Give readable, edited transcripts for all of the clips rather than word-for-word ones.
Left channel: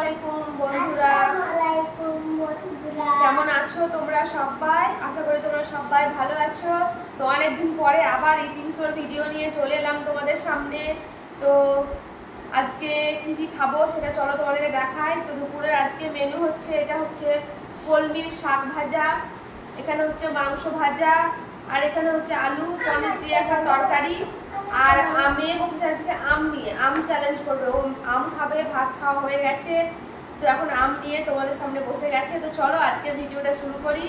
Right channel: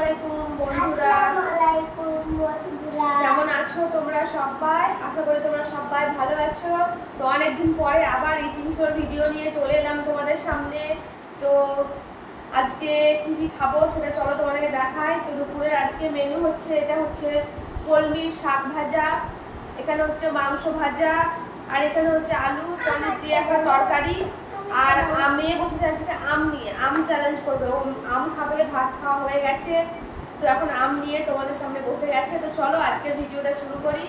আলাইকুম বন্ধুরা, কেমন আছো তোমরা সবাই? আশা করি তোমরা সবাই ভালো আছো। তো অনেকদিন পরে আবার ইটিং শোর ভিডিও নিয়ে চলে এলাম তোমাদের সামনে। তো আজকে কি কি খাবো সেটা চলো তোমাদেরকে দেখাই। তো দুপুরের আজকে মেনু হচ্ছে, এটা হচ্ছে কলমির শাক ভাজা, এখানে হচ্ছে মাংস ভাজা, আর এখানে হচ্ছে আলু পনির দিয়ে একটা তরকারি। আর আমি বসেছি আজকে আম নিয়ে, আম চ্যালেঞ্জ করবে। ও আম খাবে, ভাত খাওয়া হয়ে গেছে, তো এখন আম নিয়ে তোমাদের সামনে বসে গেছে। তো চলো আজকের ভিডিওটা শুরু করি।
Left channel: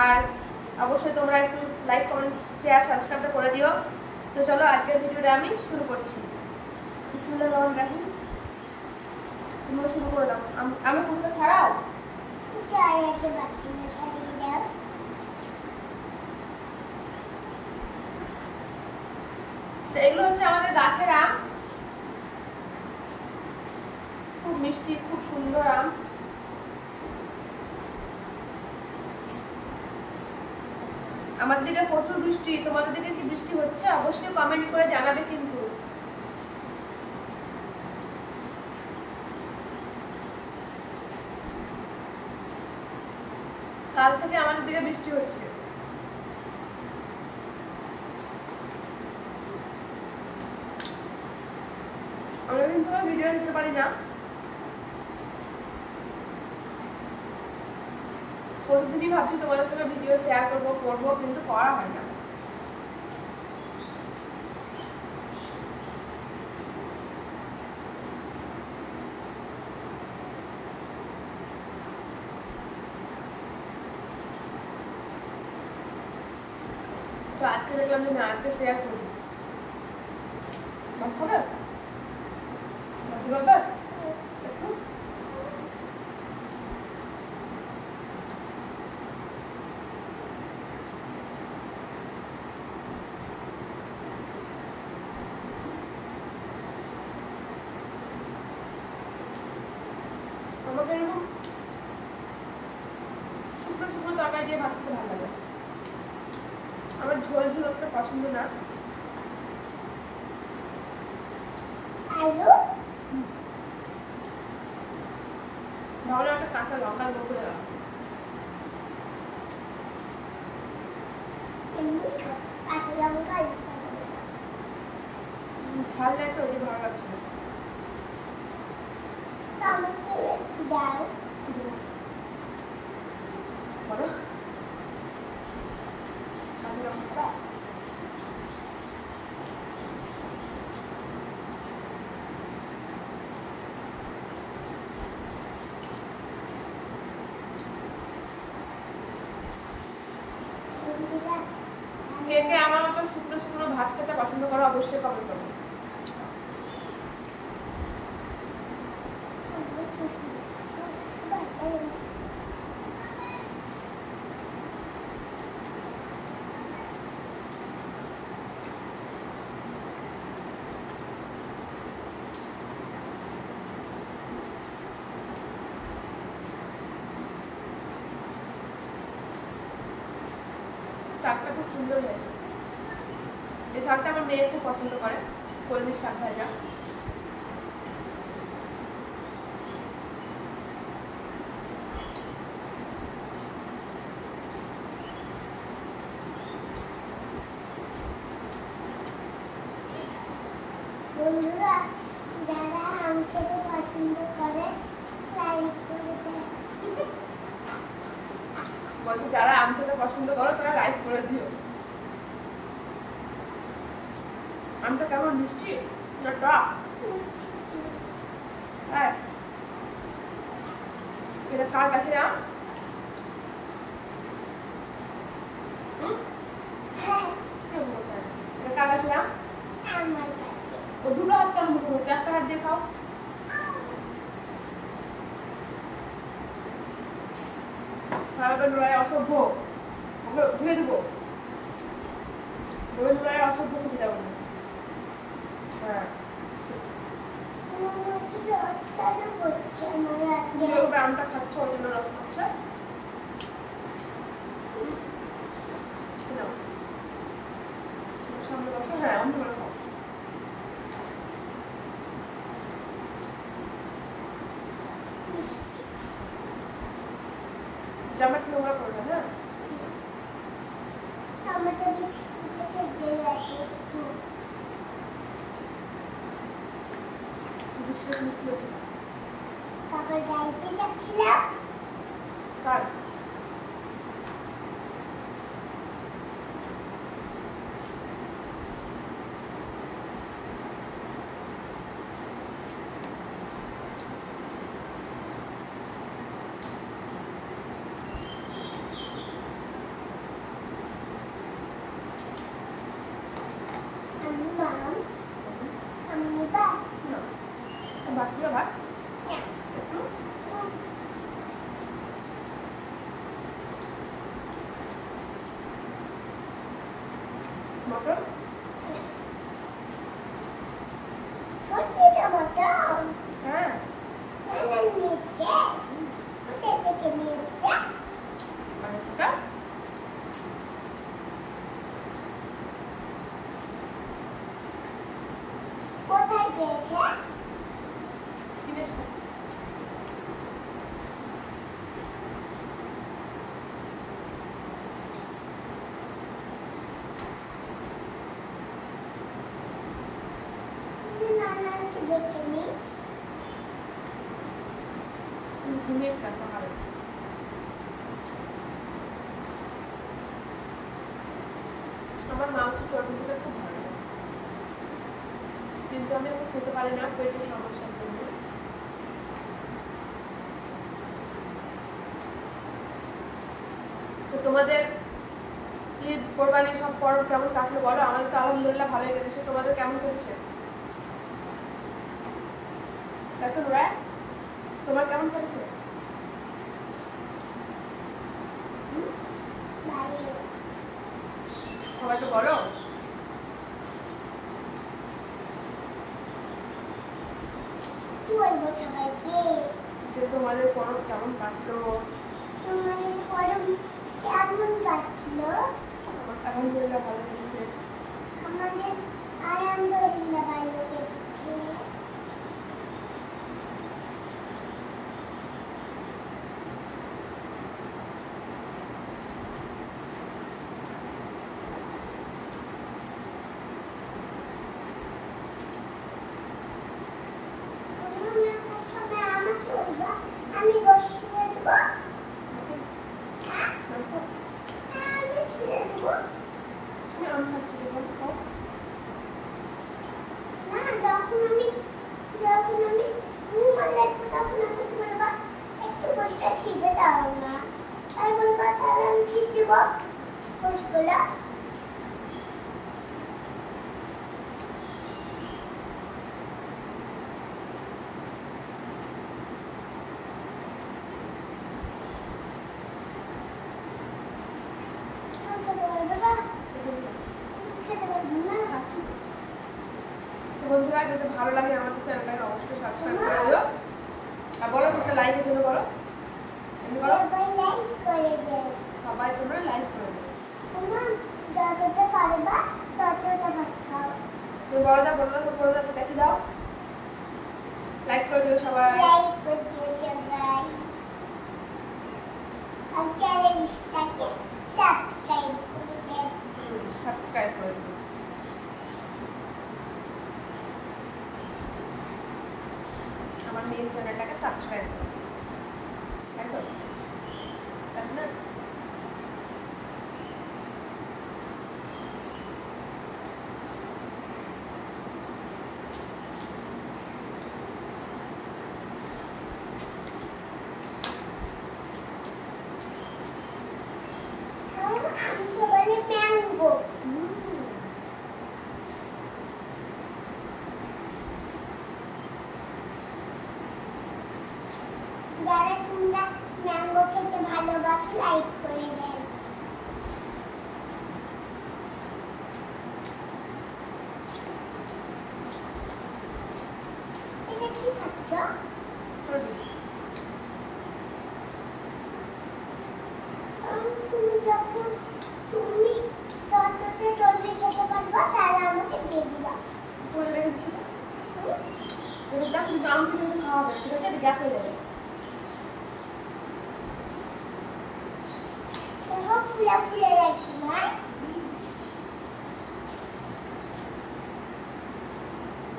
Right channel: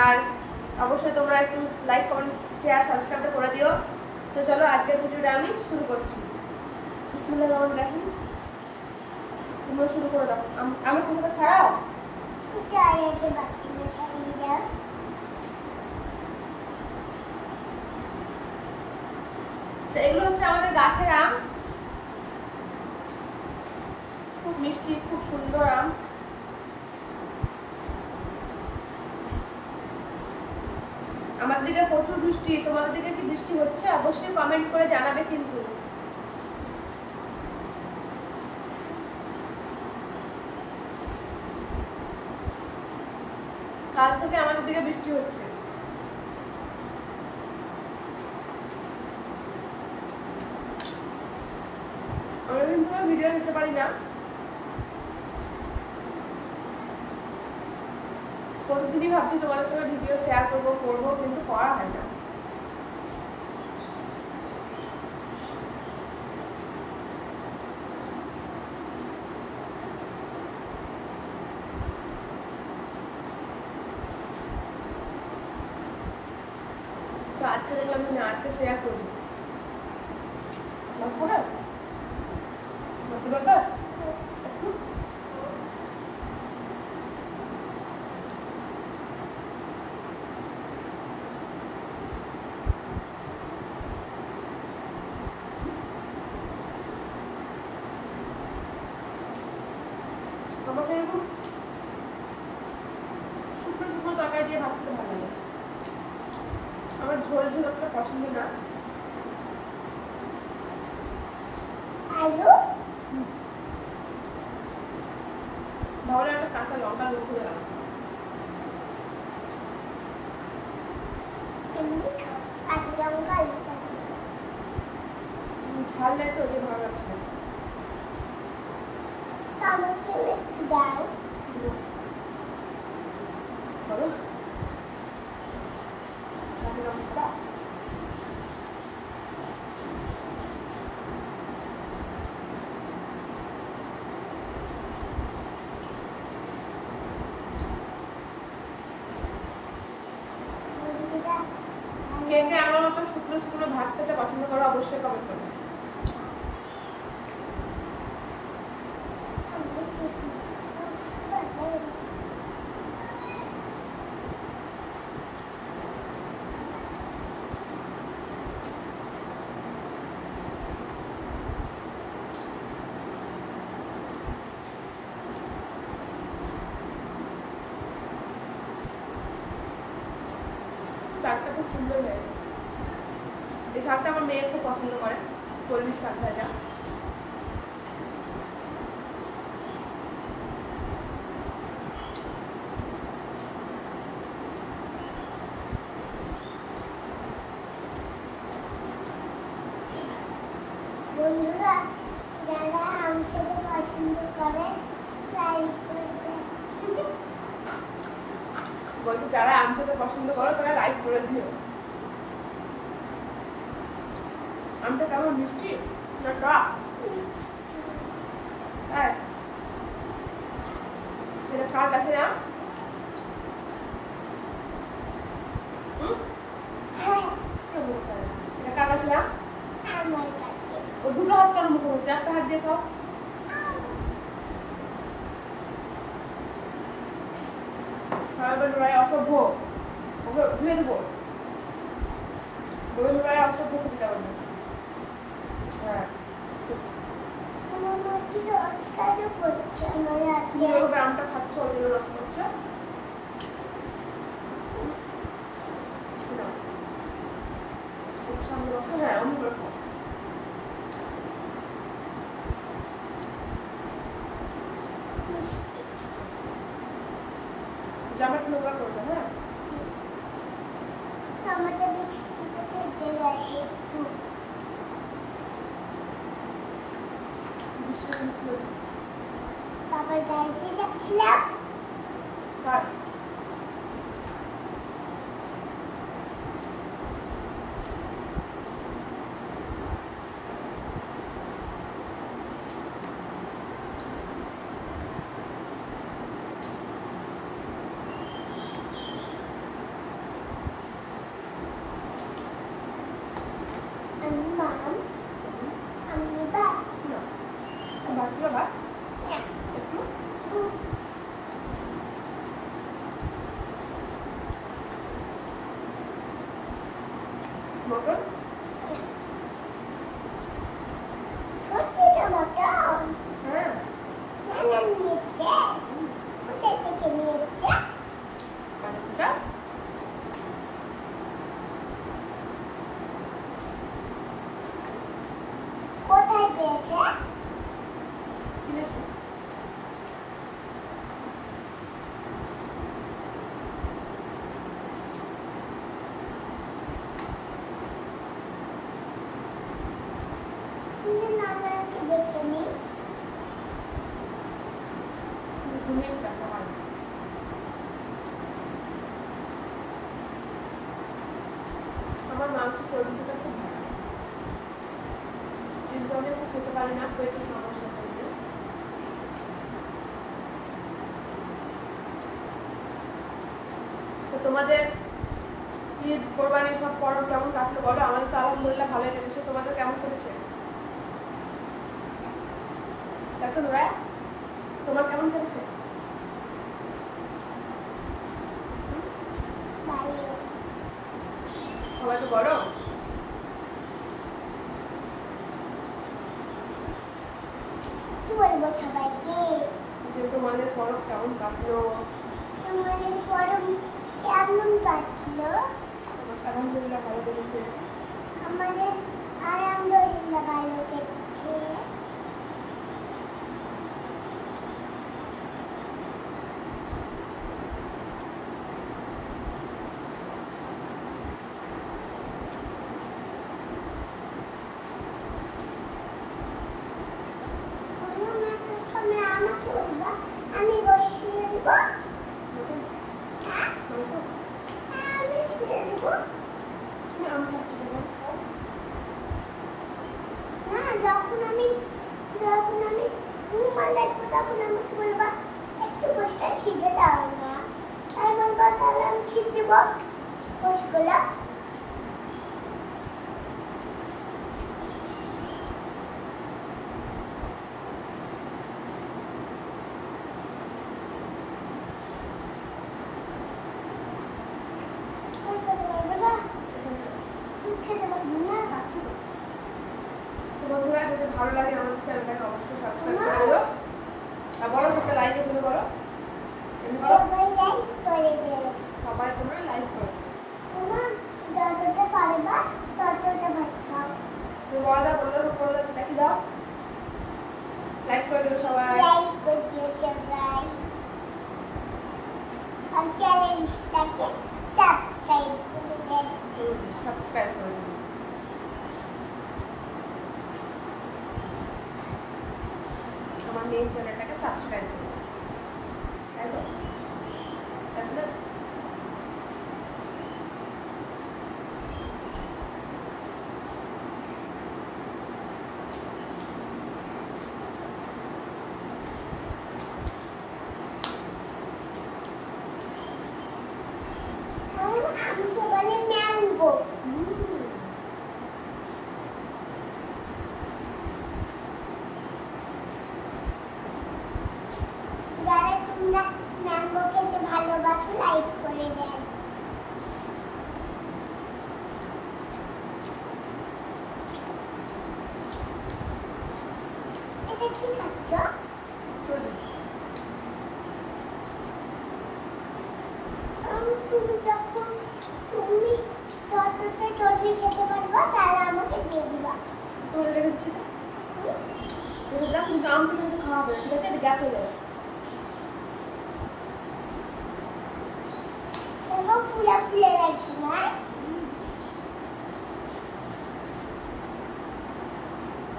আর অবশ্যই তোমরা একটু লাইক কমেন্ট শেয়ার সাবস্ক্রাইবটা করে দিও। তো চলো আজকের ভিডিওটা আমি শুরু করছি। বিসমিল্লাহির রহমানির রহিম। তোমরা শুরু করে দাও। আমি কোথাটা ছাড়াও তো এগুলো হচ্ছে আমাদের গাছের আম, খুব মিষ্টি, খুব সুন্দর আম। আমার দিকে প্রচুর বৃষ্টি, তোমাদের দিকে কি বৃষ্টি হচ্ছে? অবশ্যই কমেন্ট করে জানাবে কিন্তু। কাল থেকে আমাদের দিকে বৃষ্টি হচ্ছে। অনেকদিন থেকে ভিডিও দিতে পারি না, প্রতিদিনই ভাবছি তোমাদের সঙ্গে ভিডিও শেয়ার করবো, কিন্তু করা হয় না। তো আজকে দেখলাম যে না, আজকে শেয়ার করি। ভাত খাবে? একটু আমাকে এরকম শুকনো শুকনো তরকারি দিয়ে ভাত খেতে ভালো লাগে। আমার ঝোল ঝোল একটা পছন্দ না। ভালো একটা কাঁচা লঙ্কা লোক করে গেল। ঝাল দেয় তো, যে ভালো লাগছে না। বলো কাঁচা লঙ্কা খাবা? কে কে আমার মতো শুকনো শুকনো ভাত খেতে পছন্দ করো অবশ্যই কমেন্ট করো। শাকটা খুব সুন্দর হয়েছে। এই শাকটা আমার মেয়ে খুব পছন্দ করে, কলমির শাক ভাজা। বন্ধুরা যারা আম খেতে পছন্দ করে লাইক করবে। বলছো যারা আম খেতে পছন্দ করো তারা লাইক করে দিও। আমটা কেমন, মিষ্টি না টক? হ্যাঁ, এটা কার গাছের আম? এটা কার গাছের আম? আমার কাছে ও দুটো হাত কেন মুখে হচ্ছে? একটা হাত দিয়ে খাও। অসভ্য, ওকে ধুয়ে দেবো। অসভ্য খেতে যাবো না। হ্যাঁ, আমটা খাচ্ছ ওই জন্য রস পড়ছে। সামনে বসো, হ্যাঁ অমনি করে খাও। মিষ্টি। জামাটা নোংরা করো না, হ্যাঁ? আমাদের মিষ্টি খেতে গেছে একটু। বৃষ্টিটা তুমি কি হচ্ছে? বাবার গাড়িতে যাচ্ছিলাম, কার? আমি মাম, আমি বা না, ভাত দিও, ভাত একটু। মটন সত্যি টমাটম হ্যাঁ, নানা নিয়েছে, কোথায় থেকে নিয়েছে? মানে সেটা কোথায় পেয়েছে? কিনেছি। কিন্তু নানাকে দেখে নি। তুমি ঘুমিয়েছিলাম সকালে। আমার মাংস চর্বি খেতে খুব ভালো লাগে, কিন্তু আমি এখন খেতে পারি না পেটের সমস্যার জন্য। তো তোমাদের ঈদ কোরবানি সব পর্ব কেমন কাটলো বলো? আমাদের তো আলহামদুলিল্লাহ ভালোই কেটেছে, তোমাদের কেমন কেটেছে? দেখো রায়, তোমার কেমন কেটেছে? বাইরে সবাইকে বলো। কি বলবো সবাইকে? যে তোমাদের পরব কেমন কাটলো? তোমাদের পরম কেমন কাটলো? আমার আলহামদুলিল্লাহ ভালো কেটেছে। আমাদের আলহামদুলিল্লাহ ভালো কেটেছে। অন্য সময় আমাকে বলবা, আমি বসিয়ে দিব। মটন হ্যাঁ, মাংস আমি শুয়ে দেবো। তুমি আম খাচ্ছি দেখো, খাও। না, যখন আমি ঘুমান দেখবো তখন আমাকে বলবা একটু বসটা ছিঁড়ে দাও না। তাই বলবা, তাহলে আমি ছিঁড়ে দেবো বসগুলো। খেতে পারবো না। খাচ্ছি তো। তো বন্ধুরা, যদি ভালো লাগে আমাদের চ্যানেলটাকে অবশ্যই সাবস্ক্রাইব করে দিও। আর বলো একটা লাইকের জন্য বলো, এমনি বলো। সবাই লাইক করে দেয়। সবাই তোমরা লাইক করে দিও। তোমার যতটা পারবা ততটা ভাত খাও। তুমি বড় দাও, বড় দাও, বড় দাও, দেখি দাও। লাইক করে দিও সবাই। লাইক করে দিও সবাই। আর চ্যানেলটাকে সাবস্ক্রাইব করে দেন। সাবস্ক্রাইব করে দিও। আমার মেন চ্যানেলটাকে সাবস্ক্রাইব করে দিও, তাই তো? তাই না? আমকে বলে ম্যাঙ্গো। যারা তোমরা ম্যাঙ্গো খেতে ভালোবাসো লাইক করে দেন। এটা কি খাচ্ছ? চলবে। তুমি যতটা চর্বি খেতে পারবা তাহলে আমাকে দিয়ে দিবা। তোমাদের রেখে দিচ্ছি না, দেখলাম কিন্তু আম থেকে খাওয়া হবে, ঠিক আছে? এটা গ্যাস হয়ে যাবে। ফুলে ফুলে রাখছি না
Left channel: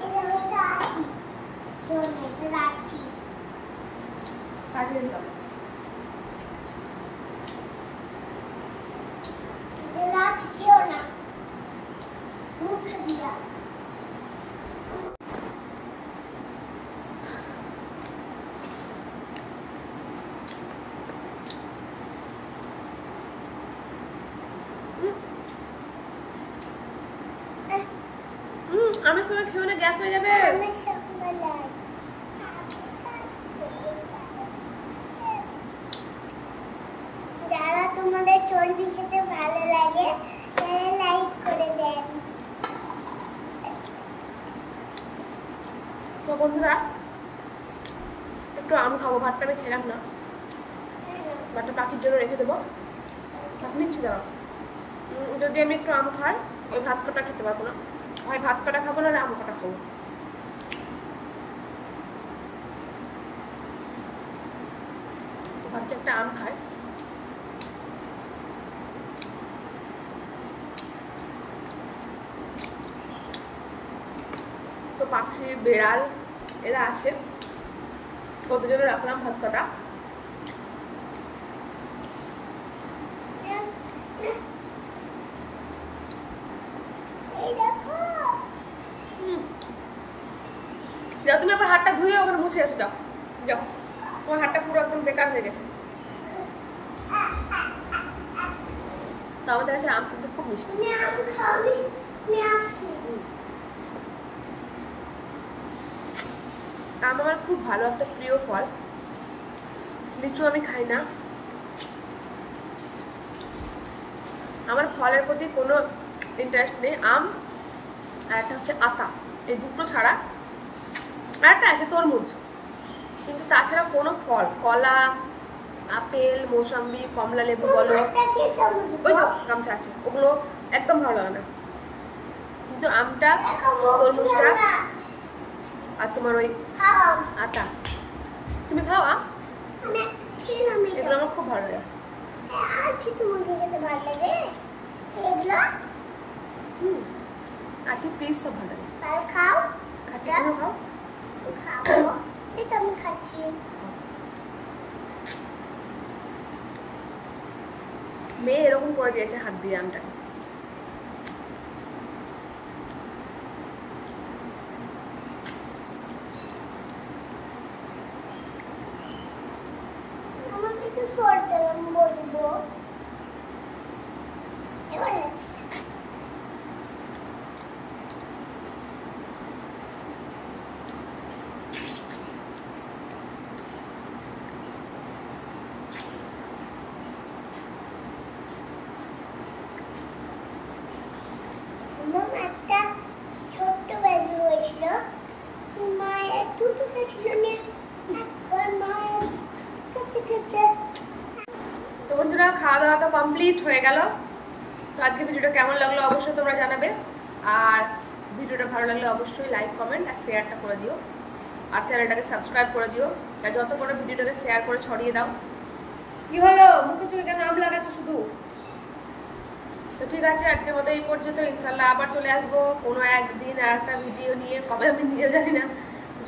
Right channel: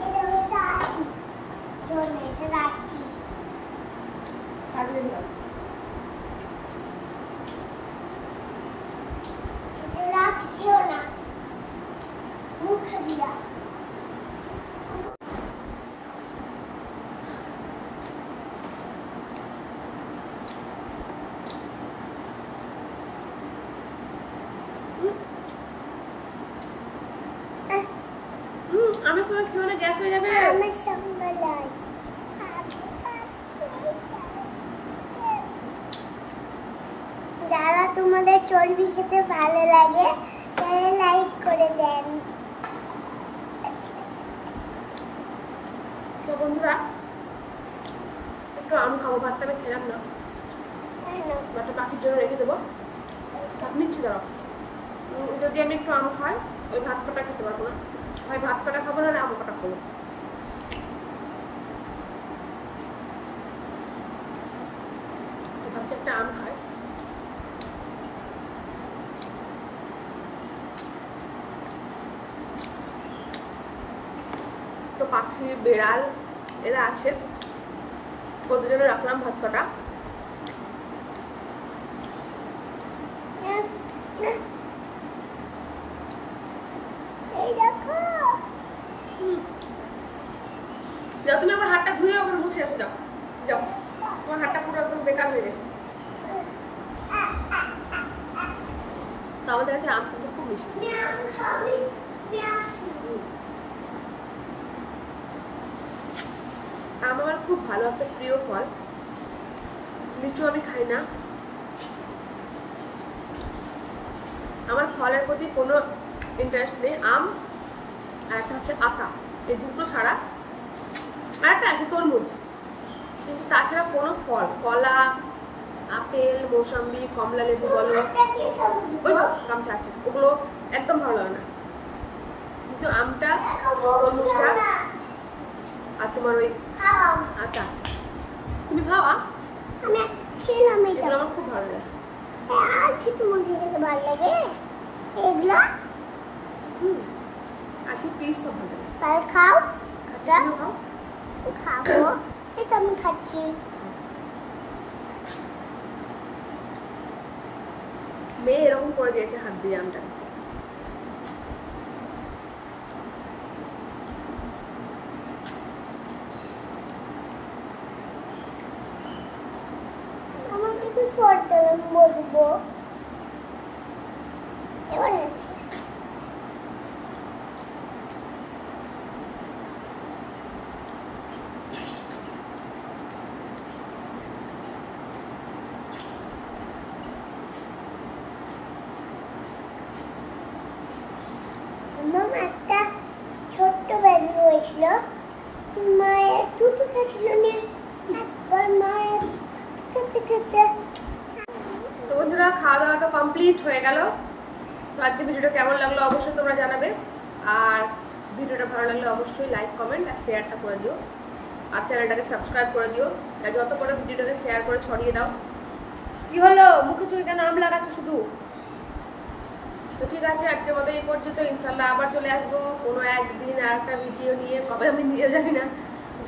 এটা রাখি এটা রাখি সাজিয়ে দিলাম। এটা রাখি খেও না মুখে দিয়া আমি তোমার খেয়ে না, গ্যাস হয়ে যাবে। আমার সঙ্গে লাই যারা তোমাদের চর্বি খেতে ভালো লাগে তারা লাইক করে দেন। তো বন্ধুরা একটু আম খাবো, ভাতটা আমি খেলাম না, ভাতটা পাখির জন্য রেখে দেবো। ভাত নিচ্ছি দাঁড়াও। যদি আমি একটু আম খাই ওই ভাত কটা খেতে পারবো না, হয় ভাত কটা খাবো না, আম কটা খাবো। তো ভাবছি একটা আম খাই। তো পাখি বেড়াল এরা আছে, ওদের জন্য রাখলাম ভাত কটা। এই দেখো যাও তুমি আবার হাতটা ধুয়ে ওখানে মুছে এসে যাও, যাও, তোমার হাতটা পুরো একদম বেকার হয়ে গেছে। তো আমাদের কাছে আম কিন্তু খুব মিষ্টি। আম আমার খুব ভালো একটা প্রিয় ফল। লিচু আমি খাই না, আমার ফলের প্রতি কোনো ইন্টারেস্ট নেই। আম আর একটা হচ্ছে আতা, এই দুটো ছাড়া, আর একটা আছে তরমুজ, কিন্তু তাছাড়া কোনো ফল, কলা, আপেল, মৌসম্বি, কমলা লেবু বলো, ওই তো গামছা আছে, ওগুলো একদম ভালো লাগে না। কিন্তু আমটা, তরমুজটা আর তোমার ওই আতা, তুমি খাও আম? এগুলো আমার খুব ভালো লাগে। আজকে প্লিজ সব ভালো লাগে। খাচ্ছি, তুমিও খাও। এটা আমি খাচ্ছি। মেয়ে এরকম করে দিয়েছে হাত দিয়ে আমটাকে। আমাকে একটু সরতে বলবো এবার আছে। আমার একটা ছোট্ট বেবি হয়েছিল, মায়ের দুটো খাচ্ছিল নিয়ে একবার মায়ের খেতে খেতে। তো বন্ধুরা খাওয়া দাওয়া তো কমপ্লিট হয়ে গেল। তো আজকে ভিডিওটা কেমন লাগলো অবশ্যই তোমরা জানাবে, আর ভিডিওটা ভালো লাগলে অবশ্যই লাইক, কমেন্ট আর শেয়ারটা করে দিও, আর চ্যানেলটাকে সাবস্ক্রাইব করে দিও, আর যত বড় ভিডিওটাকে শেয়ার করে ছড়িয়ে দাও। কি হলো মুখে চোখে কেন আম লাগাচ্ছ শুধু? তো ঠিক আছে, আজকের মতো এই পর্যন্ত। ইনশাল্লাহ আবার চলে আসবো কোনো একদিন আর একটা ভিডিও নিয়ে, কবে আমি নিজেও জানি না,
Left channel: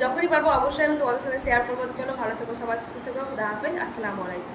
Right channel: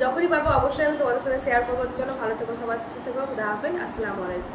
যখনই পারবো অবশ্যই আমি তোমাদের সাথে শেয়ার করবো। চলো ভালো থেকো, সবাই সুস্থ থেকো, খুদা হাফেজ, আসসালামু আলাইকুম।